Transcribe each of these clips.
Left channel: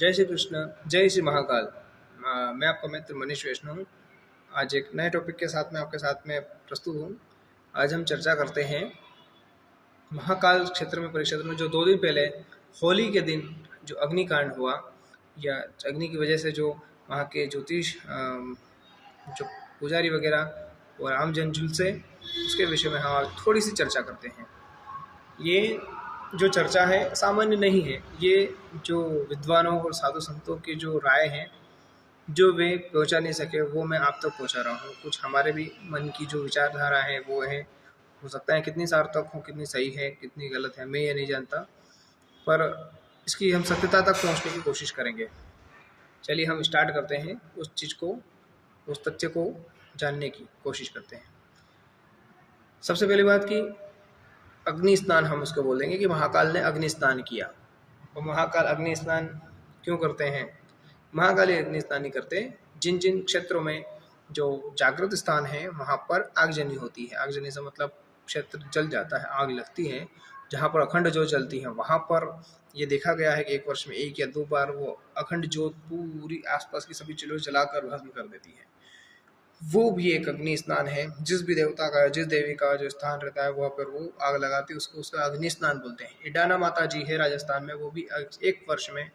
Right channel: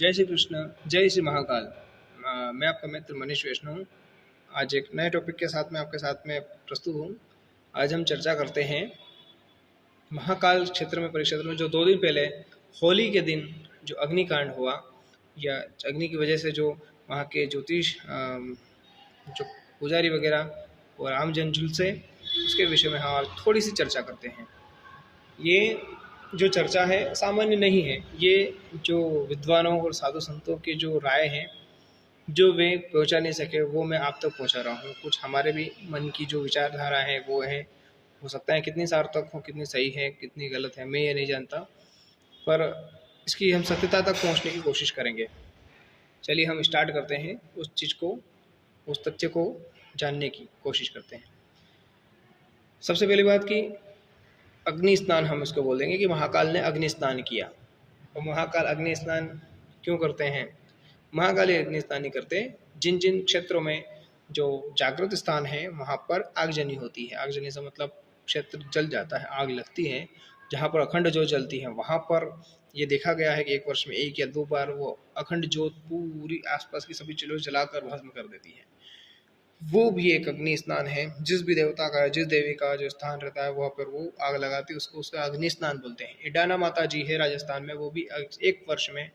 जय श्री कृष्ण, जय श्री महाकाल। मैं आपका मित्र मनीष वैष्णव हूँ। आज एक नए टॉपिक के साथ में आपके साथ में प्रस्तुत हूँ। आज हम चर्चा करते हैं महाकाल क्षेत्र में, परिक्षेत्र में, जो 2 दिन पहले होली के दिन जो अग्निकांड हुआ, या अग्नि की वजह से जो वहाँ के ज्योतिष जो पुजारी वगैरह और आमजन झुलसे, उसके विषय में हम आज थोड़ी सी चर्चा करते हैं। ये जो चर्चा है सामान्य नहीं है, ये जो विद्वानों और साधु संतों की जो राय है, जो वे पहुंचा नहीं सके, वो मैं आप तक पहुंचा रहा हूँ। कुछ हमारे भी मन की जो विचारधारा है वो है, हो सकता है कितनी सार्थक हो, कितनी सही है, कितनी गलत है, मैं ये नहीं जानता, पर इसकी हम सत्यता तक पहुंचने की कोशिश करेंगे। चलिए हम स्टार्ट करते हैं, उस चीज़ को, उस तथ्य को जानने की कोशिश करते हैं। सबसे पहली बात कि अग्नि स्नान हम इसको बोल देंगे कि महाकाल ने अग्नि स्नान किया। और महाकाल अग्नि स्नान क्यों करते हैं? महाकाल अग्नि स्नान नहीं करते जिन जिन क्षेत्रों में जो जागृत स्थान है वहाँ पर आगजनी होती है। आगजनी से मतलब क्षेत्र जल जाता है, आग लगती है। जहाँ पर अखंड ज्योत जलती है वहाँ पर ये देखा गया है कि एक वर्ष में 1 या 2 बार वो अखंड ज्योत पूरी आसपास की सभी चीज़ों जलाकर भस्म कर देती है। वो भी एक अग्नि स्नान है। जिस भी देवता का, जिस देवी का जो स्थान रहता है वहाँ पर वो आग लगाती है, उसको उसका अग्नि स्नान बोलते हैं। इडाना माता जी है राजस्थान में, वो भी एक वर्ष में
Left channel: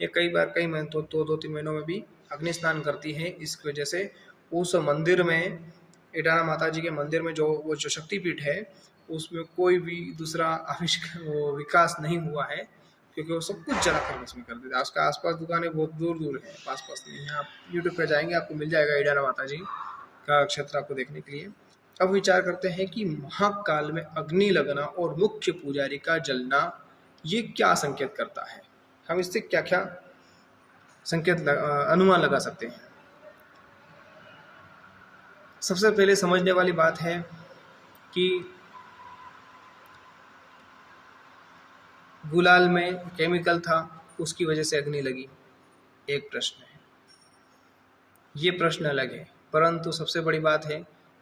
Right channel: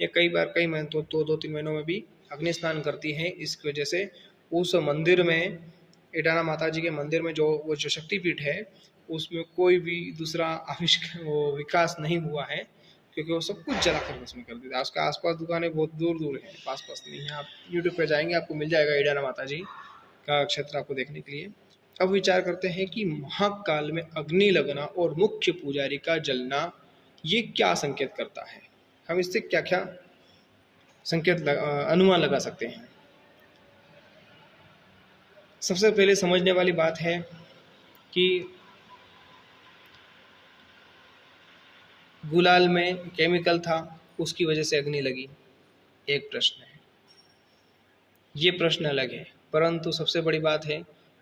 या कई बार, कई महीनों, तो 2-3 महीनों में भी अग्नि स्नान करती है। इस वजह से उस मंदिर में, इडाना माता जी के मंदिर में, जो वो जो शक्तिपीठ है, उसमें कोई भी दूसरा वो विकास नहीं हुआ है, क्योंकि वो सब कुछ जला कर भस्म कर देते। उसका आसपास दुकानें बहुत दूर दूर है, पास पास नहीं है। आप यूट्यूब पर जाएंगे, आपको मिल जाएगा इडाना माता जी का क्षेत्र आपको देखने के लिए। अब विचार करते हैं कि महाकाल में अग्नि लगना और मुख्य पुजारी का जलना, ये क्या संकेत करता है? हम इससे क्या क्या संकेत अनुमान लगा सकते हैं? सबसे पहले समझने वाली बात है कि गुलाल में केमिकल था, उसकी वजह से अग्नि लगी, एक प्रश्न है। ये प्रश्न अलग है, परंतु सबसे बड़ी बात है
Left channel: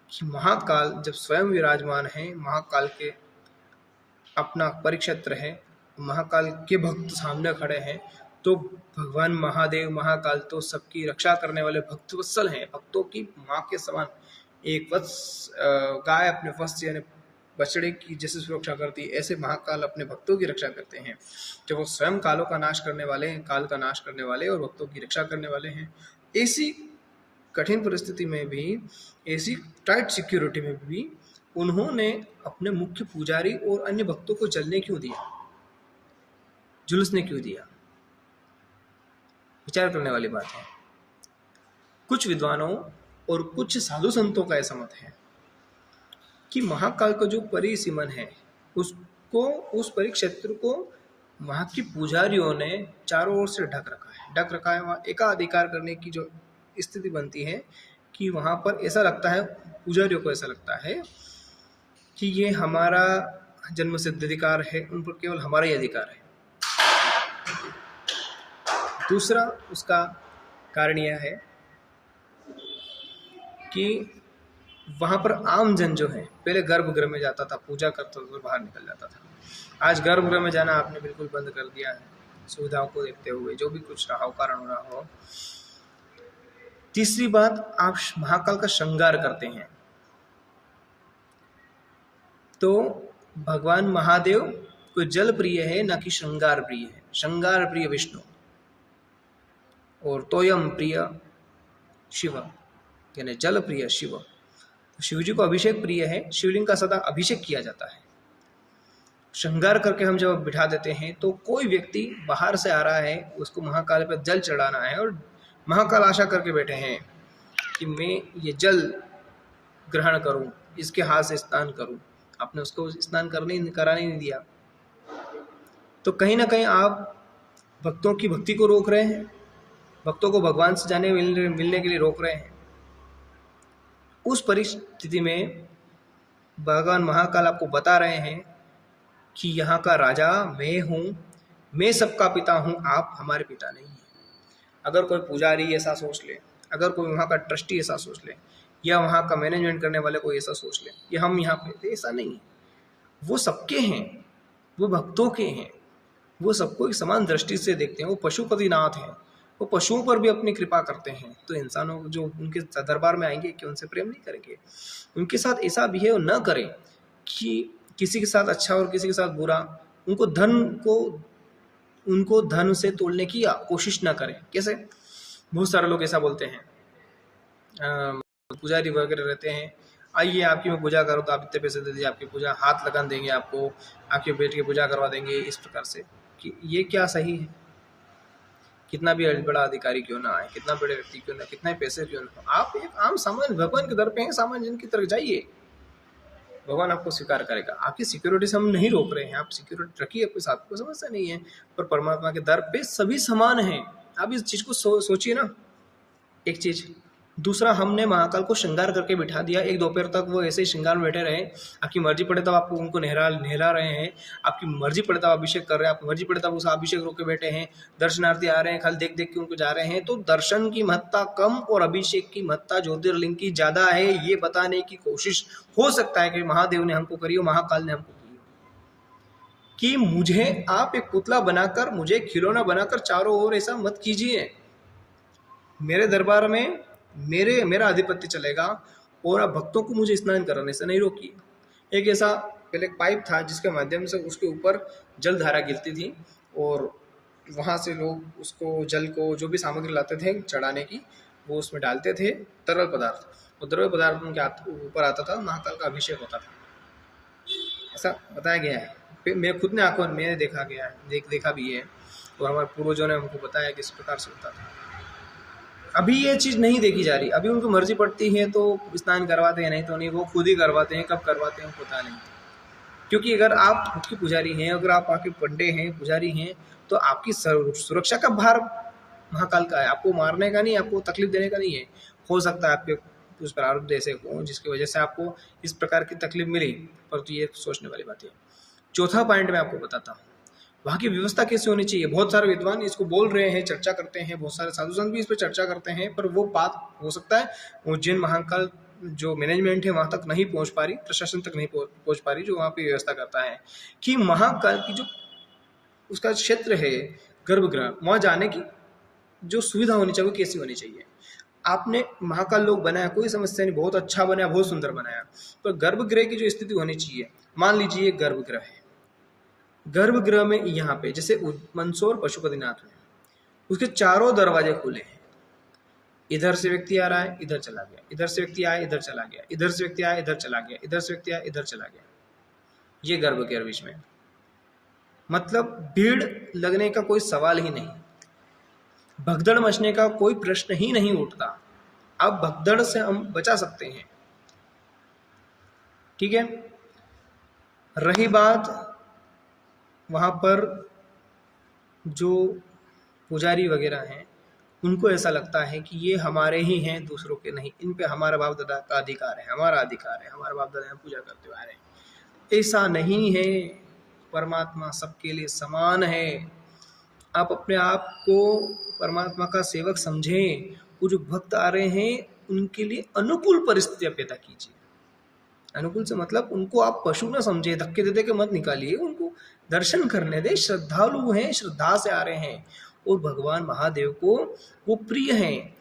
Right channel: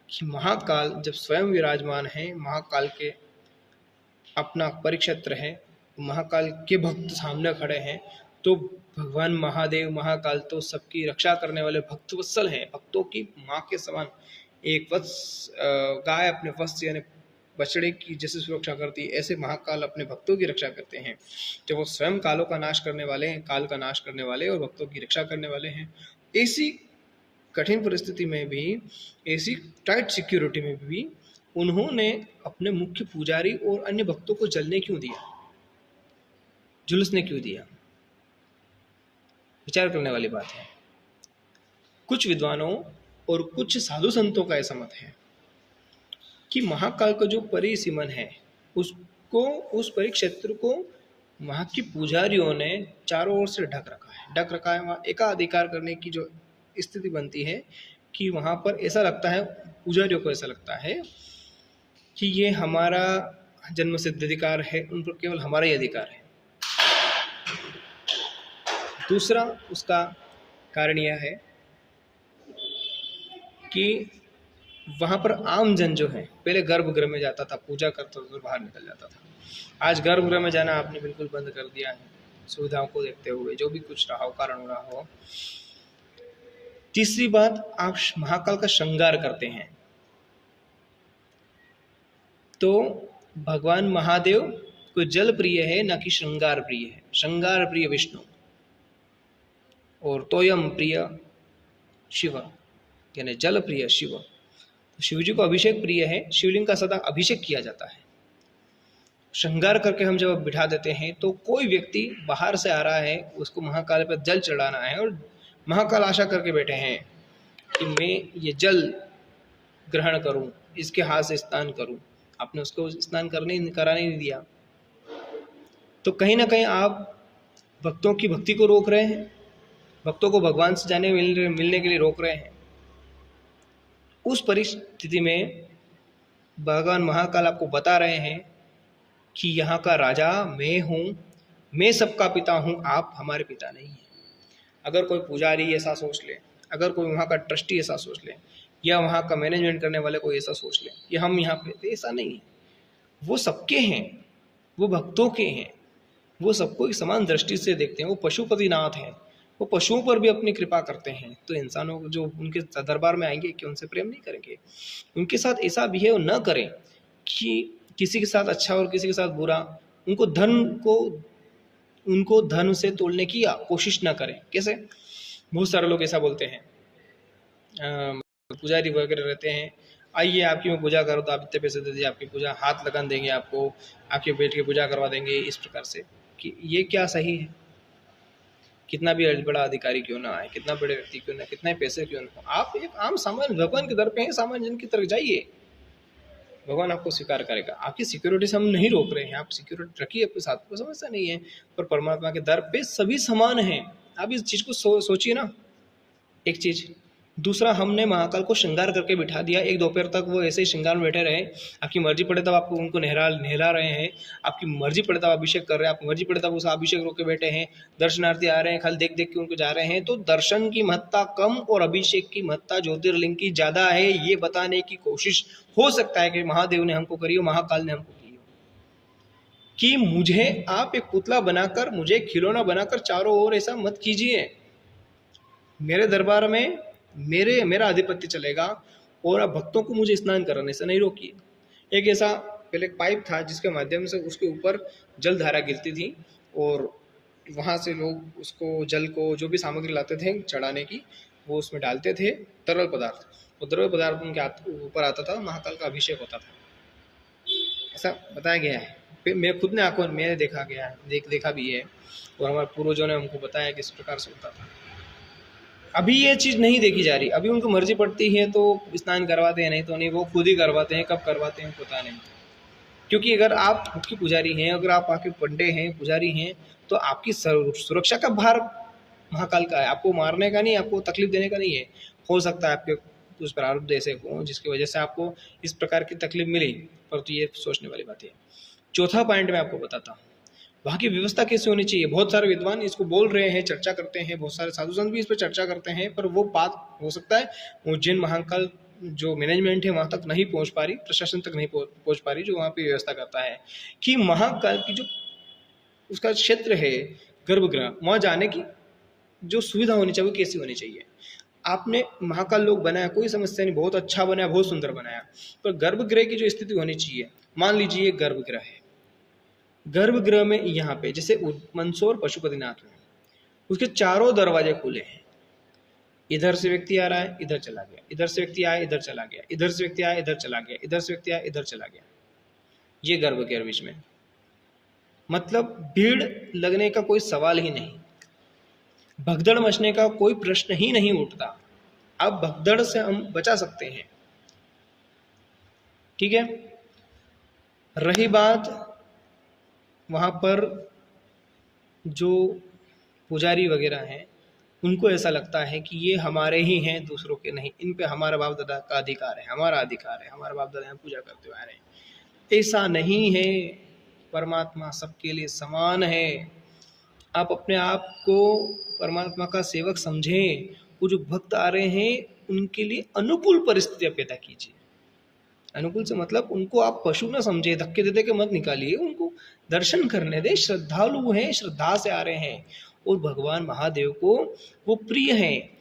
कि महाकाल जब स्वयं विराजमान है, महाकाल के अपना परिक्षेत्र है, महाकाल के भक्त सामने खड़े हैं, तो भगवान महादेव, महाकाल तो सबकी रक्षा करने वाले भक्तवत्सल हैं, भक्तों की माँ के समान। एक वत्स गाय अपने वत्स यानी बछड़े की जैसे सुरक्षा करती है, ऐसे महाकाल अपने भक्तों की रक्षा करते हैं। जब वो स्वयं कालों का नाश करने वाले हैं, काल का नाश करने वाले और भक्तों की रक्षा करने वाले हैं, ऐसी कठिन परिस्थिति में भी, ऐसी टाइट सिक्योरिटी में भी उन्होंने अपने मुख्य पुजारी और अन्य भक्तों को जलने क्यों दिया, झुलसने क्यों दिया? विचार करने वाली बात है। कुछ विद्वानों और कुछ साधु संतों का ऐसा मत है कि महाकाल का जो परिसीमन है, उसको, उस परिक्षेत्र को वहाँ की पुजारियों ने चारों ओर से ढक रखा है। वहाँ एकाधिकार करने की जो स्थिति बनती है कि वहाँ पर ऐसा लगता है, पुजारियों को ऐसा लगता है कि ये हमारा जन्म सिद्ध अधिकार है, उन पर केवल हमारा ही अधिकार है। दूसरा उसका कारण यह है कि वहाँ पर आम जन जो है, पहले गर्भगृह में जाता था, पूजा करता था, बाहर निकल जाता था। आज गर्भगृह में जाना आपने बिल्कुल बंद कर दिया है, सुविधाओं को देखते हुए, जो भी कुछ रहा हो, कारण हो रहा हो। तीसरी बात, आप महाकाल का श्रृंगार करते हैं, तो भगवान महादेव को जल प्रिय है, ना कि श्रृंगार प्रिय है। श्रृंगार प्रिय विष्णु और तोयम प्रिय शिव, यानी जल प्रिय शिव। शिव जी को अभिषेक प्रिय है, शिवलिंग का सदा अभिषेक किया जाता है। श्रृंगार करके हम जब बिठा देते हैं, तो कोई व्यक्ति बाहर से आ रहा है, उसको महाकाल पर जल चढ़ाना है, और महाकाल आशा करके बैठे हैं कि मैं ये जल ग्रहण करूं, इसके हाथ से स्नान करूं। आपने उसको स्नान कराने नहीं दिया, तो कहीं ना कहीं आप भक्तों की भक्ति को रोक रहे हैं, भक्तों को भगवान से मिलने के लिए रोक रहे हैं। उस परिस्थिति में भगवान महाकाल आपको बता रहे हैं कि यहाँ का राजा मैं हूँ, मैं सबका पिता हूँ, आप हमारे पिता नहीं हैं। अगर कोई पुजारी ऐसा सोच ले, अगर कोई वहाँ का ट्रस्टी ऐसा सोच ले, या वहाँ का मैनेजमेंट करने वाले कोई ऐसा सोच ले कि हम यहाँ पे, ऐसा नहीं है। वो सबके हैं, वो भक्तों के हैं, वो सबको एक समान दृष्टि से देखते हैं। वो पशुपतिनाथ हैं, वो पशुओं पर भी अपनी कृपा करते हैं। तो इंसानों को जो उनके दरबार में आएंगे कि उनसे प्रेम नहीं करेंगे? उनके साथ ऐसा बिहेव न करें कि किसी के साथ अच्छा और किसी के साथ बुरा। उनको धन से तोड़ने की कोशिश ना करें। कैसे? बहुत सारे लोग ऐसा बोलते हैं, पुजारी वगैरह रहते हैं, आइए आपकी मैं पूजा करो तो आप इतने पैसे दे दीजिए, आपकी पूजा हाथ लगन देंगे, आपको आपके बेटे की पूजा करवा देंगे, इस प्रकार से। कि ये क्या सही है? कितना भी बड़ा अधिकारी क्यों ना आए, कितना बड़े व्यक्ति क्यों ना, कितने पैसे क्यों ना, आप एक आम सामान्य भगवान के दर पे हैं, सामान्य जन की तरफ जाइए, भगवान आपको स्वीकार करेगा। आपकी सिक्योरिटी से हम नहीं रोक रहे हैं, आप सिक्योरिटी रखिए अपने साथ, कोई समस्या नहीं है, पर परमात्मा के दर पे सभी समान हैं। आप इस चीज को सोचिए ना। एक चीज। दूसरा, हमने महाकाल को श्रृंगार करके बिठा दिया, एक दोपहर तक वो ऐसे ही श्रृंगार में बैठे रहे। आपकी मर्जी पड़े तब आपको उनको नहला रहे हैं, आपकी मर्जी पड़े तब अभिषेक कर रहे हैं, आपकी मर्जी पड़े तब उस अभिषेक रोक के बैठे हैं, दर्शनार्थी आ रहे हैं, खाली देख देख के उनको जा रहे हैं। तो दर्शन की महत्ता कम और अभिषेक की महत्ता ज्योतिर्लिंग की ज्यादा है, ये बताने की कोशिश हो सकता है कि महादेव ने हमको करी हो, महाकाल ने हमको की हो। कि मुझे आप एक पुतला बनाकर, मुझे खिलौना बनाकर चारों ओर ऐसा मत कीजिए। मेरे दरबार में मेरा आधिपत्य चलेगा और आप भक्तों को मुझे स्नान कराने से नहीं रोकिए। एक ऐसा पहले पाइप था जिसके माध्यम से उसके ऊपर जल धारा गिरती थी और वहाँ से लोग उसको, जल को, जो भी सामग्री लाते थे चढ़ाने की, वो उसमें डालते थे, तरल पदार्थ, और तरल पदार्थ उनके ऊपर आता था, महाकाल का अभिषेक होता था, ऐसा बताया गया है। मैं खुद ने आंखों में देखा गया है, देखा भी है, और हमारे पूर्वजों ने हमको बताया किस प्रकार से होता था। अभी ये चीज़ नहीं देखी जा रही, अभी उनको मर्जी पड़ती है तो स्नान करवाते हैं, नहीं तो नहीं, वो खुद ही करवाते हैं, कब करवाते हैं पता नहीं। क्योंकि अगर आप खुद की पुजारी हैं, अगर आप आके पंडे हैं, पुजारी हैं, तो आपकी सुरक्षा का भार महाकाल का है, आपको मारने का नहीं, आपको तकलीफ देने का नहीं है। हो सकता है आपके कुछ प्रारब्ध ऐसे हो जिसकी वजह से आपको इस प्रकार की तकलीफ मिली, परंतु ये सोचने वाली बात है। चौथा पॉइंट मैं आपको बताता हूँ, वहाँ की व्यवस्था कैसे होनी चाहिए। बहुत सारे विद्वान इसको बोल रहे हैं, चर्चा करते हैं, बहुत सारे साधु संत भी इस पर चर्चा करते हैं, पर वो बात हो सकता है उज्जैन महाकाल जो मैनेजमेंट है वहाँ तक नहीं पहुँच पा रही, प्रशासन तक नहीं पहुँच पा रही, जो वहाँ पे व्यवस्था करता है कि महाकाल की जो उसका क्षेत्र है, गर्भगृह, वहाँ जाने की जो सुविधा होनी चाहिए वो कैसी होनी चाहिए। आपने महाकाल लोग बनाया, कोई समस्या नहीं, बहुत अच्छा बनाया, बहुत सुंदर बनाया, पर गर्भगृह की जो स्थिति होनी चाहिए, मान लीजिए गर्भगृह है, गर्भगृह में यहाँ पे जैसे मंदसौर पशुपतिनाथ में, उसके चारों दरवाजे खुले हैं, इधर से व्यक्ति आ रहा है, इधर चला गया, इधर से व्यक्ति आया, इधर चला गया, इधर से व्यक्ति आया, इधर चला गया, इधर से व्यक्ति आया, इधर चला गया, ये गर्भगृह बीच में, मतलब भीड़ लगने का कोई सवाल ही नहीं, भगदड़ मचने का कोई प्रश्न ही नहीं उठता। अब भगदड़ से हम बचा सकते हैं, ठीक है। रही बात वहाँ पर जो पुजारी वगैरह हैं, उनको ऐसा लगता है कि ये हमारे ही हैं, दूसरों के नहीं, इन पे हमारा बाप दादा का अधिकार है, हमारा अधिकार है, हमारा बाप दादा पूजा करते हुए आ रहे हैं। ऐसा नहीं है, परमात्मा सबके लिए समान है। आप अपने आप को परमात्मा का सेवक समझें, वो जो भक्त आ रहे हैं उनके लिए अनुकूल परिस्थितियां पैदा कीजिए। अनुकूल से मतलब उनको आप पशु ना समझे, धक्के दे दे के मत निकालिए, उनको दर्शन करने दे, श्रद्धालु हैं, श्रद्धा से आ रहे हैं और भगवान महादेव को वो प्रिय हैं।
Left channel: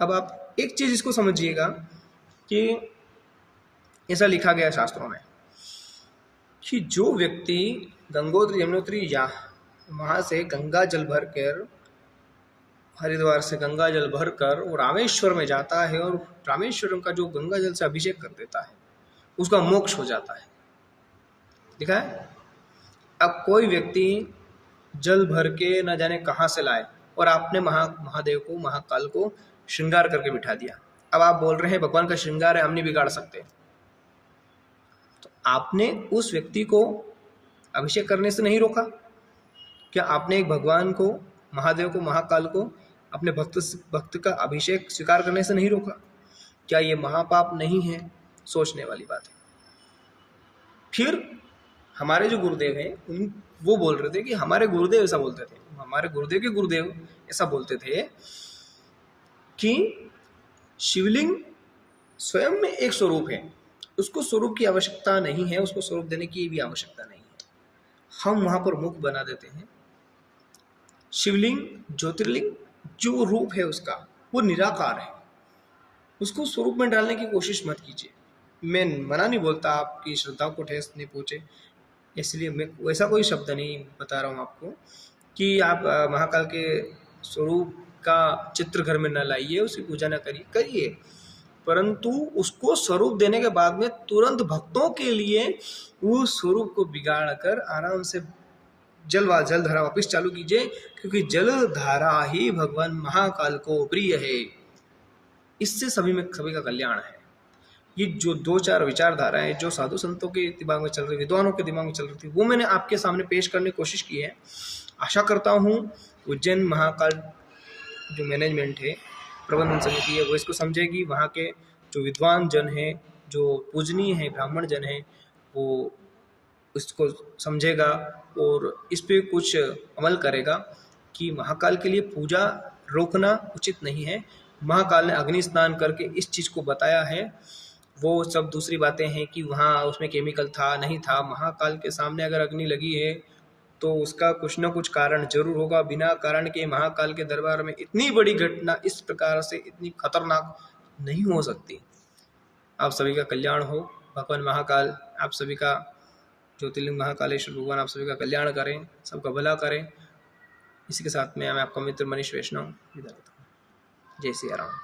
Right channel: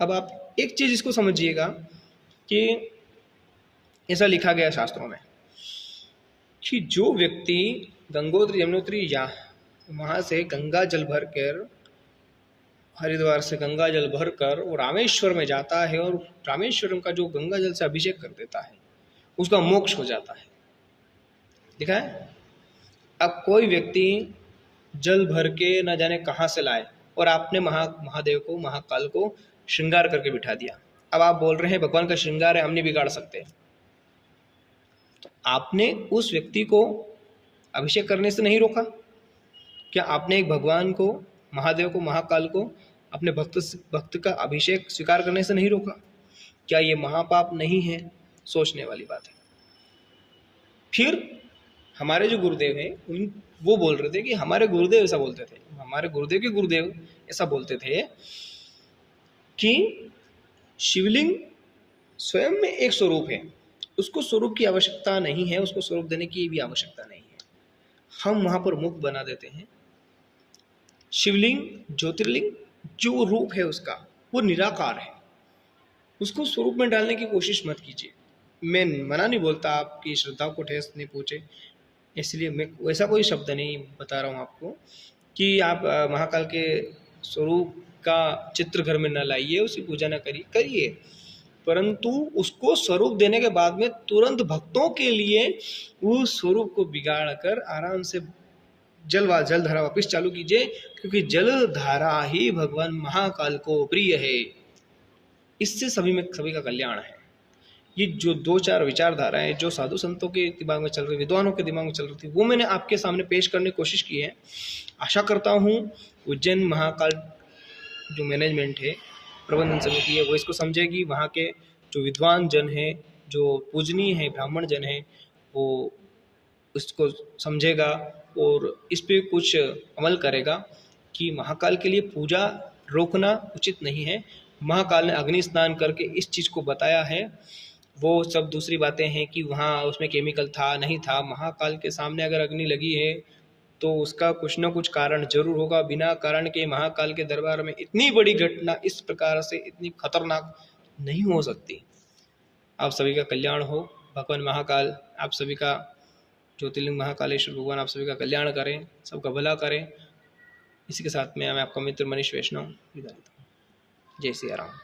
अब आप एक चीज इसको समझिएगा कि ऐसा लिखा गया है शास्त्रों में कि जो व्यक्ति गंगोत्री यमुनोत्री या वहां से गंगा जल भर कर, हरिद्वार से गंगा जल भर कर वो रामेश्वर में जाता है और रामेश्वरम का जो गंगा जल से अभिषेक कर देता है, उसका मोक्ष हो जाता है। दिखा है? अब कोई व्यक्ति जल भर के न जाने कहाँ से लाए और आपने महादेव को, महाकाल को श्रृंगार करके बिठा दिया। अब आप बोल रहे हैं भगवान का श्रृंगार है, हम नहीं बिगाड़ सकते। तो आपने उस व्यक्ति को अभिषेक करने से नहीं रोका? क्या आपने एक भगवान को, महादेव को, महाकाल को अपने भक्त का अभिषेक स्वीकार करने से नहीं रोका? क्या ये महापाप नहीं है? सोचने वाली बात है। फिर हमारे जो गुरुदेव हैं वो बोल रहे थे कि हमारे गुरुदेव ऐसा बोलते थे, हमारे गुरुदेव के गुरुदेव ऐसा बोलते थे कि शिवलिंग स्वयं में एक स्वरूप है, उसको स्वरूप की आवश्यकता नहीं है, उसको स्वरूप देने की भी आवश्यकता नहीं है। हम वहाँ पर मुख बना देते हैं। शिवलिंग, ज्योतिर्लिंग जो रूप है उसका वो निराकार है, उसको स्वरूप में डालने की कोशिश मत कीजिए। मैं मना नहीं बोलता आपकी श्रद्धा को ठेस नहीं पहुँचे, इसलिए मैं वैसा कोई शब्द नहीं बता रहा हूँ आपको कि आप महाकाल के स्वरूप का चित्र घर में न लाइए, उसकी पूजा न करिए, परंतु उसको स्वरूप देने के बाद में तुरंत भक्तों के लिए उस स्वरूप को बिगाड़ कर आराम से जल धारा वापिस चालू कीजिए, क्योंकि जल धारा ही भगवान महाकाल को प्रिय है। इससे सभी का कल्याण है। ये जो 2-4 विचारधाराएं जो साधु संतों के दिमाग में चल रही, विद्वानों के दिमाग में चल रही थी, वो मैंने आपके सामने पेश करने की कोशिश की है। आशा करता हूँ उज्जैन महाकाल जो मैनेजमेंट है, प्रबंधन समिति है, वो इसको समझेगी। वहाँ के जो विद्वान जन हैं, जो पूजनीय है ब्राह्मण जन हैं, वो उसको समझेगा और इस पे कुछ अमल करेगा कि महाकाल के लिए पूजा रोकना उचित नहीं है। महाकाल ने अग्नि स्नान करके इस चीज़ को बताया है। वो सब दूसरी बातें हैं कि वहाँ उसमें केमिकल था नहीं था। महाकाल के सामने अगर अग्नि लगी है तो उसका कुछ ना कुछ कारण जरूर होगा। बिना कारण के महाकाल के दरबार में इतनी बड़ी घटना इस प्रकार से इतनी खतरनाक नहीं हो सकती। आप सभी का कल्याण हो। भगवान महाकाल आप सभी का, ज्योतिर्लिंग महाकालेश्वर भगवान आप सभी का कल्याण करें, सबका भला करें। इसी के साथ में मैं आपका मित्र मनीष वैष्णव विदा लेता हूँ। जय सिया राम।